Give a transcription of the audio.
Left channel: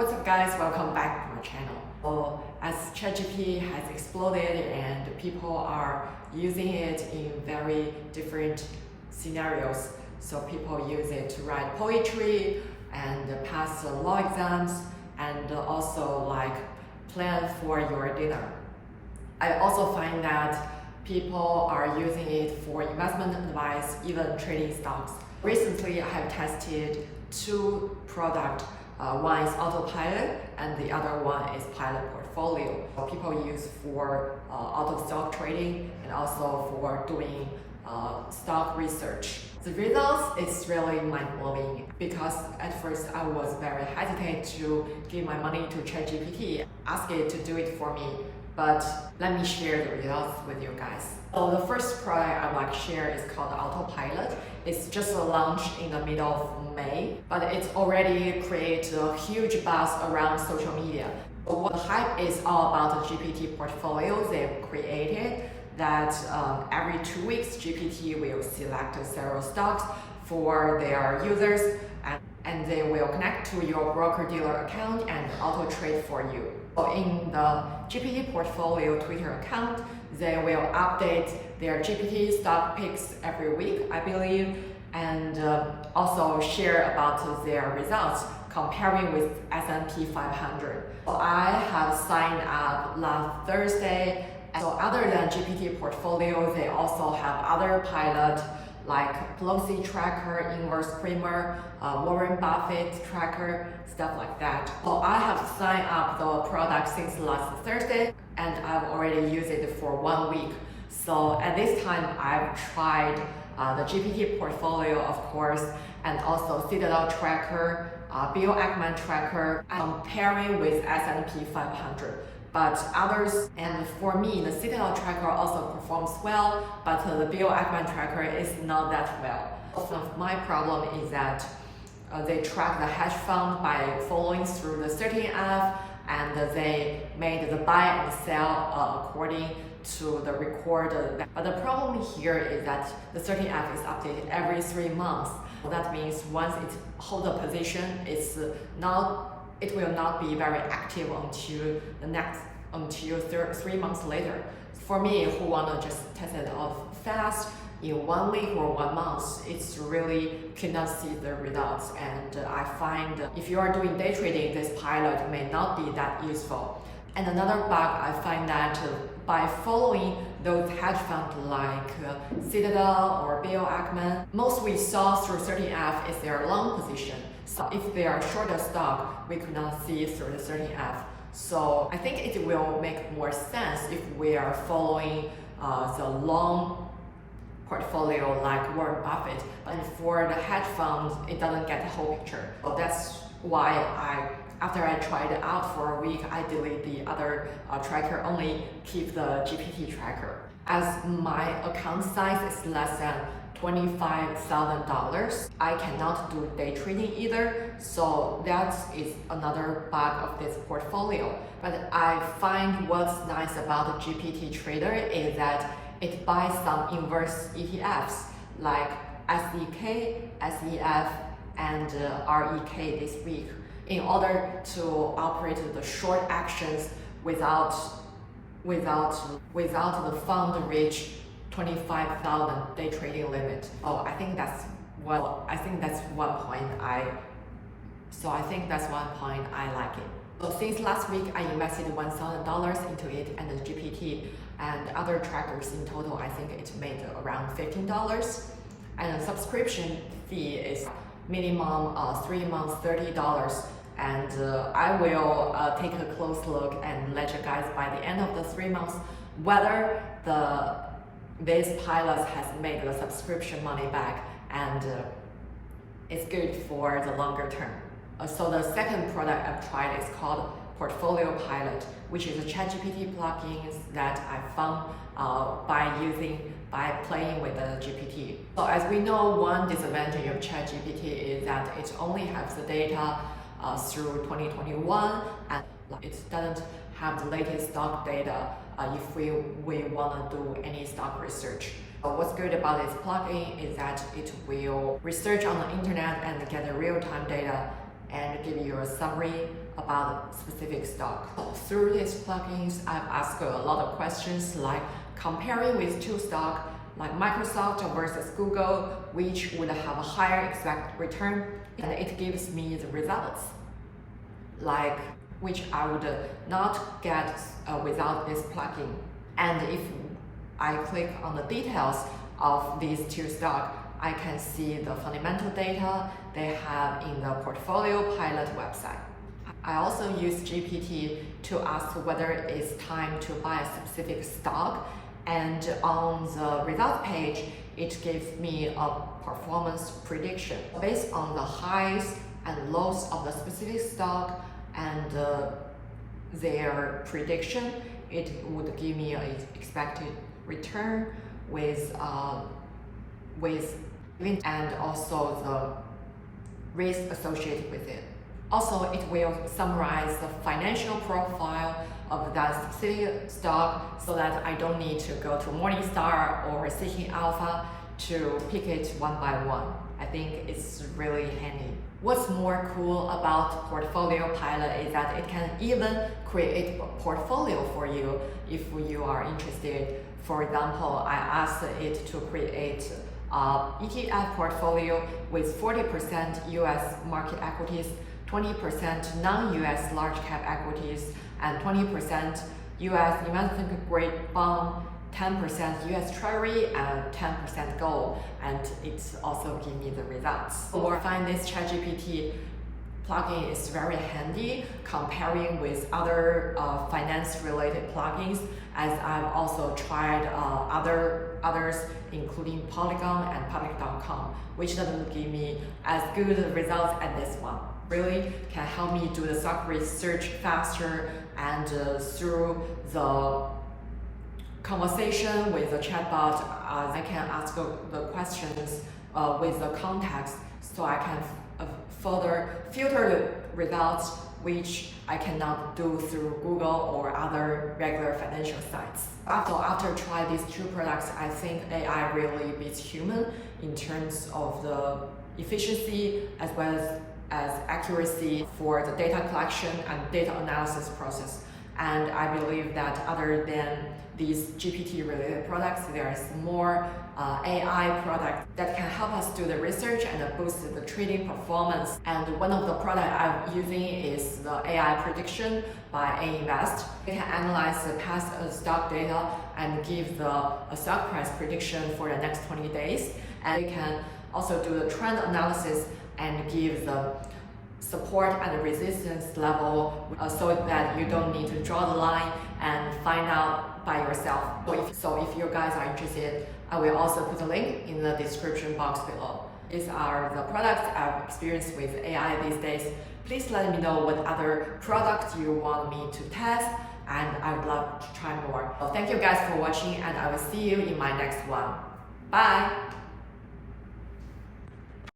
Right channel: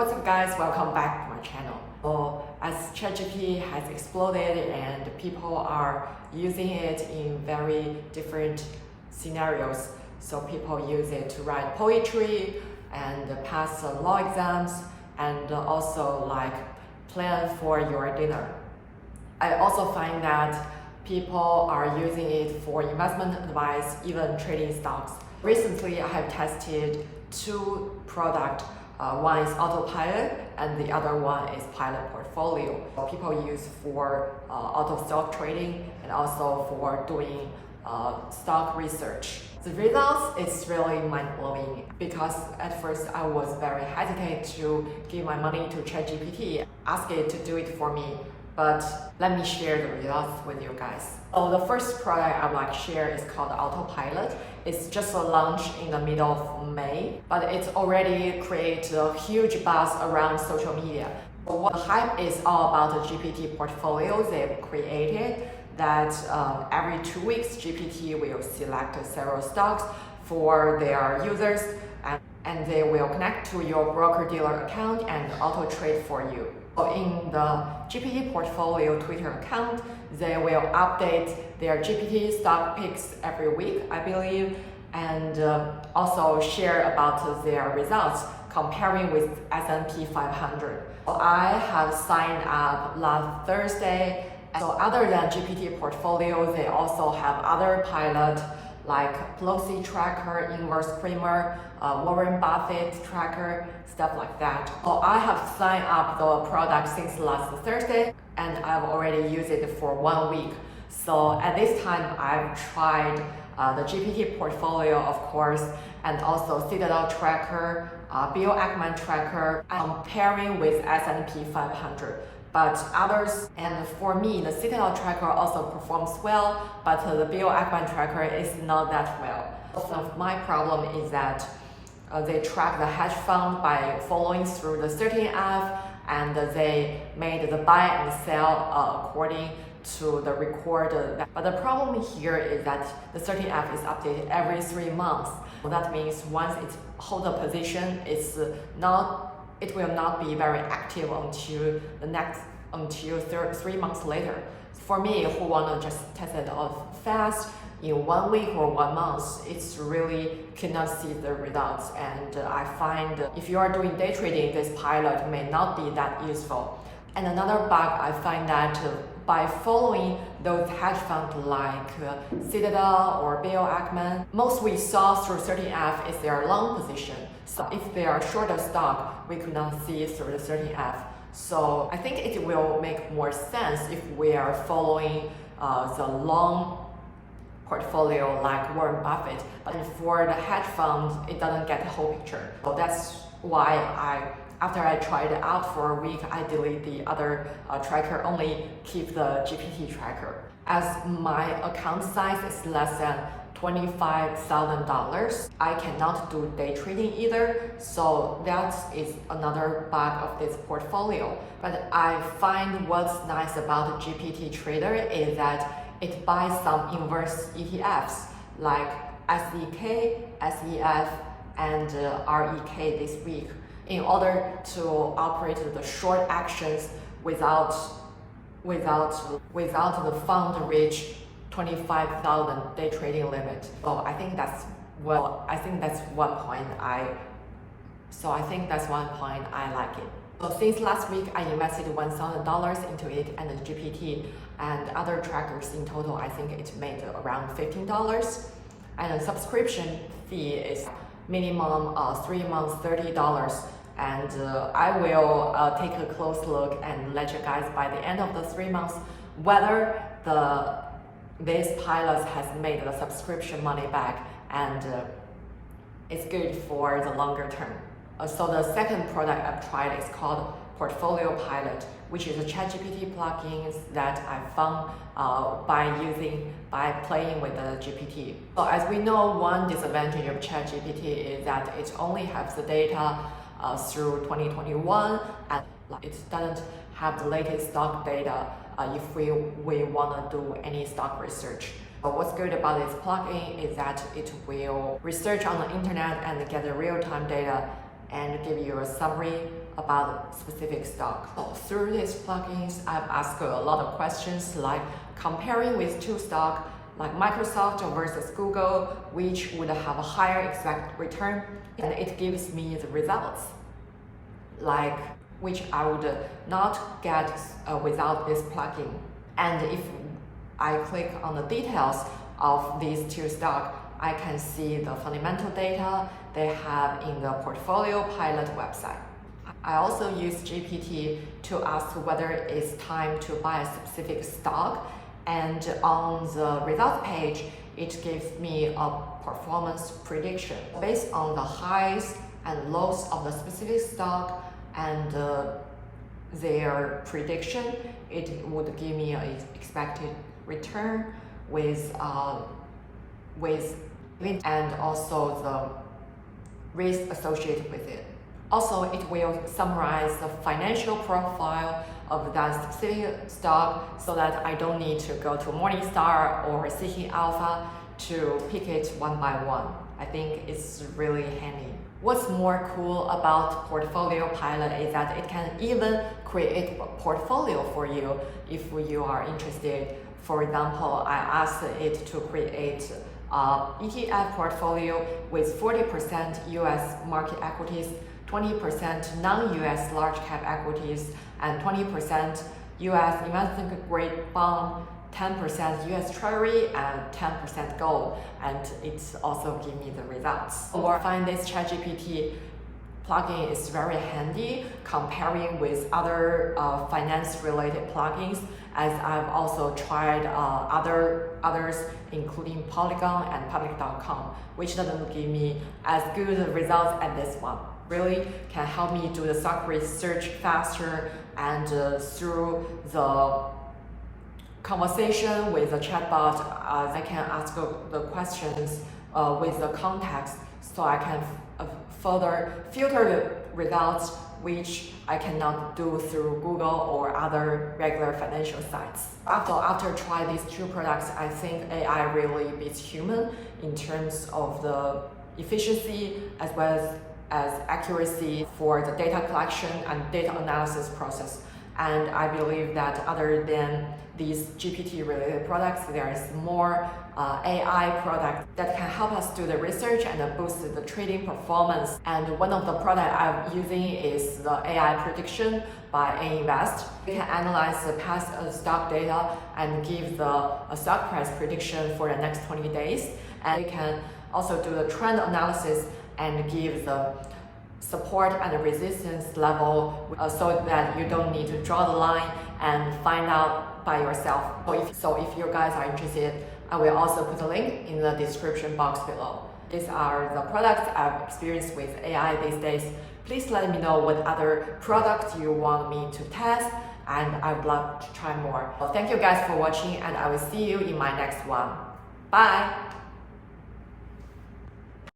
What's up guys, welcome back to my channel. Well, as ChatGPT has exploded and people are using it in very different scenarios. So people use it to write poetry and pass law exams and also like plan for your dinner. I also find that people are using it for investment advice, even trading stocks. Recently, I have tested two products. One is autopilot and the other one is pilot portfolio. People use for auto stock trading and also for doing stock research. The results is really mind-blowing because at first I was very hesitant to give my money to ChatGPT, ask it to do it for me. But let me share the results with you guys. So the first product I would like to share is called Autopilot. It's just launched in the middle of May, but it's already created a huge buzz around social media. So what the hype is all about the GPT portfolios they've created, that every 2 weeks GPT will select several stocks for their users and they will connect to your broker-dealer account and auto-trade for you. So in the GPT portfolio Twitter account, they will update their GPT stock picks every week, I believe, and also share about their results comparing with S&P 500. So I have signed up last Thursday. So other than GPT portfolio, they also have other pilot like Pelosi tracker, inverse creamer, Warren Buffett tracker, stuff like that. So I have signed up the product since last Thursday and I've already used it for 1 week. So at this time, I've tried the GPT portfolio, of course, and also Citadel tracker, Bill Ackman tracker, comparing with S&P 500. But others, and for me, the Citadel tracker also performs well, but the Bill Ackman tracker is not that well. So my problem is that they track the hedge fund by following through the 13F, and they made the buy and sell according to the record. But the problem here is that the 13F is updated every 3 months. So that means once it holds a position, it will not be very active until 3 months later. For me, who want to just test it out fast in 1 week or 1 month, it's really cannot see the results. And I find if you are doing day trading, this pilot may not be that useful. And another bug, I find that by following those hedge funds like Citadel or Bill Ackman, most we saw through 13F is their long position. So if they are short of stock, we could not see through the 13F. So I think it will make more sense if we are following the long portfolio like Warren Buffett. But for the hedge funds, it doesn't get the whole picture. So that's why after I tried it out for a week, I delete the other tracker, only keep the GPT tracker. As my account size is less than $25,000, I cannot do day trading either. So that is another bug of this portfolio. But I find what's nice about the GPT Trader is that it buys some inverse ETFs like SEK, SEF, and REK this week, in order to operate the short actions without the fund reach 25,000 day trading limit. So I think that's one point I like it. So since last week, I invested $1,000 into it and the GPT and other trackers. In total, I think it made around $15. And the subscription fee is minimum 3 months, $30. And I will take a close look and let you guys by the end of the 3 months whether this pilot has made the subscription money back and it's good for the longer term. So the second product I've tried is called Portfolio Pilot, which is a ChatGPT plugin that I found by playing with the GPT. So as we know, one disadvantage of ChatGPT is that it only has the data through 2021 and it doesn't have the latest stock data if we want to do any stock research. But what's good about this plugin is that it will research on the internet and get the real-time data and give you a summary about specific stock. Through these plugins, I've asked a lot of questions like comparing with two stocks like Microsoft versus Google, which would have a higher expected return, and it gives me the results, like which I would not get without this plugin. And if I click on the details of these two stocks, I can see the fundamental data they have in the Portfolio Pilot website. I also use GPT to ask whether it's time to buy a specific stock, and on the result page, it gives me a performance prediction. Based on the highs and lows of the specific stock and their prediction, it would give me an expected return with and also the risk associated with it. Also, it will summarize the financial profile of that specific stock so that I don't need to go to Morningstar or Seeking Alpha to pick it one by one. I think it's really handy. What's more cool about Portfolio Pilot is that it can even create a portfolio for you if you are interested. For example, I asked it to create ETF portfolio with 40% US market equities, 20% non-US large cap equities, and 20% US investment grade bond, 10% US Treasury, and 10% gold. And it's also give me the results. Or I find this ChatGPT plugin is very handy comparing with other finance-related plugins, as I've also tried others, including Polygon and Public.com, which doesn't give me as good results as this one. Really can help me do the stock research faster, and through the conversation with the chatbot, I can ask the questions with the context, so I can further filter the results, which I cannot do through Google or other regular financial sites. After trying these two products, I think AI really beats human in terms of the efficiency as well as accuracy for the data collection and data analysis process. And I believe that other than these GPT-related products, there is more AI products that can help us do the research and boost the trading performance. And one of the products I'm using is the AI prediction by A-Invest. It can analyze the past stock data and give the stock price prediction for the next 20 days. And it can also do the trend analysis and give the support and resistance level so that you don't need to draw the line and find out by yourself. So if you guys are interested, I will also put a link in the description box below. These are the products I've experienced with AI these days. Please let me know what other products you want me to test, and I would love to try more. Well, thank you guys for watching, and I will see you in my next one. Bye!